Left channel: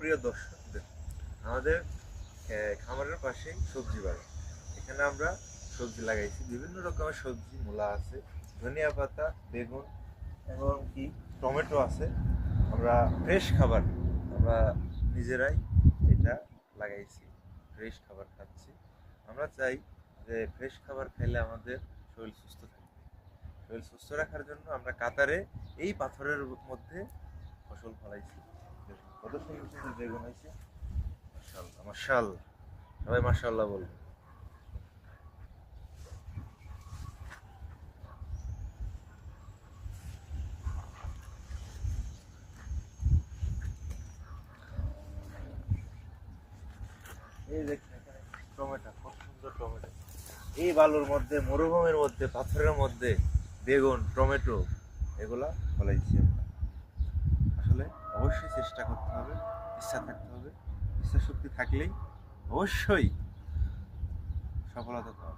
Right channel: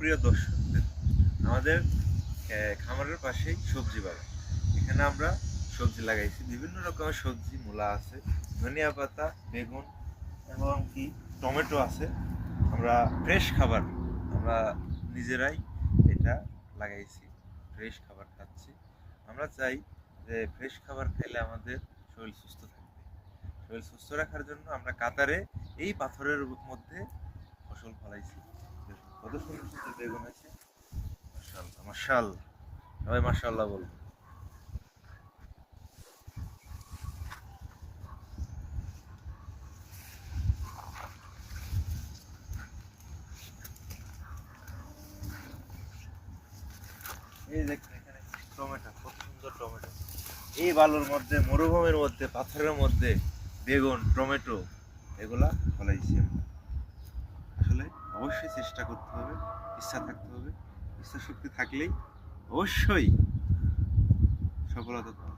সুপ্রিয় দর্শকদের, আমাদের খামারের পাশেই সবজি বাগান। এখানে আমরা সবজি লাগাইছি, বিভিন্ন রকমের সবজি, মূলা আছে, ধনিয়া পাতা, বেগুন এবং কি টমেটো আছে। আমরা ফ্রেশ খাবার আমরা নিজেরাই এটা লাগাইছি, ফ্রেশ খাবার খাচ্ছি। আমরা চাই যে ফ্রেশ খাবার খাইলে আমাদের শরীর সুস্থ থাকবে। শরীর সুস্থ রাখার জন্য আমরা কাতারে এই পাথরের মধ্যে ফসল ফলাইছি। দেখুন কত সুন্দর সুন্দর বেগুন হয়েছে। মাশাআল্লাহ মাশাআল্লাহ, সবাই মাশাআল্লাহ বলবো। এই দেখুন এখানে টমেটো, কত সুন্দর টমেটো। এই বালুর মধ্যে, মরুভূমির মধ্যে, পাথরের মধ্যে বেগুন, টমেটো এগুলা ফলাইছি আমরা। আসলে অবশ্যই চেষ্টা করতে হবে, ইচ্ছা থাকতে হবে। ইচ্ছা শক্তি থাকলেই অবশ্যই সফলতা পাওয়া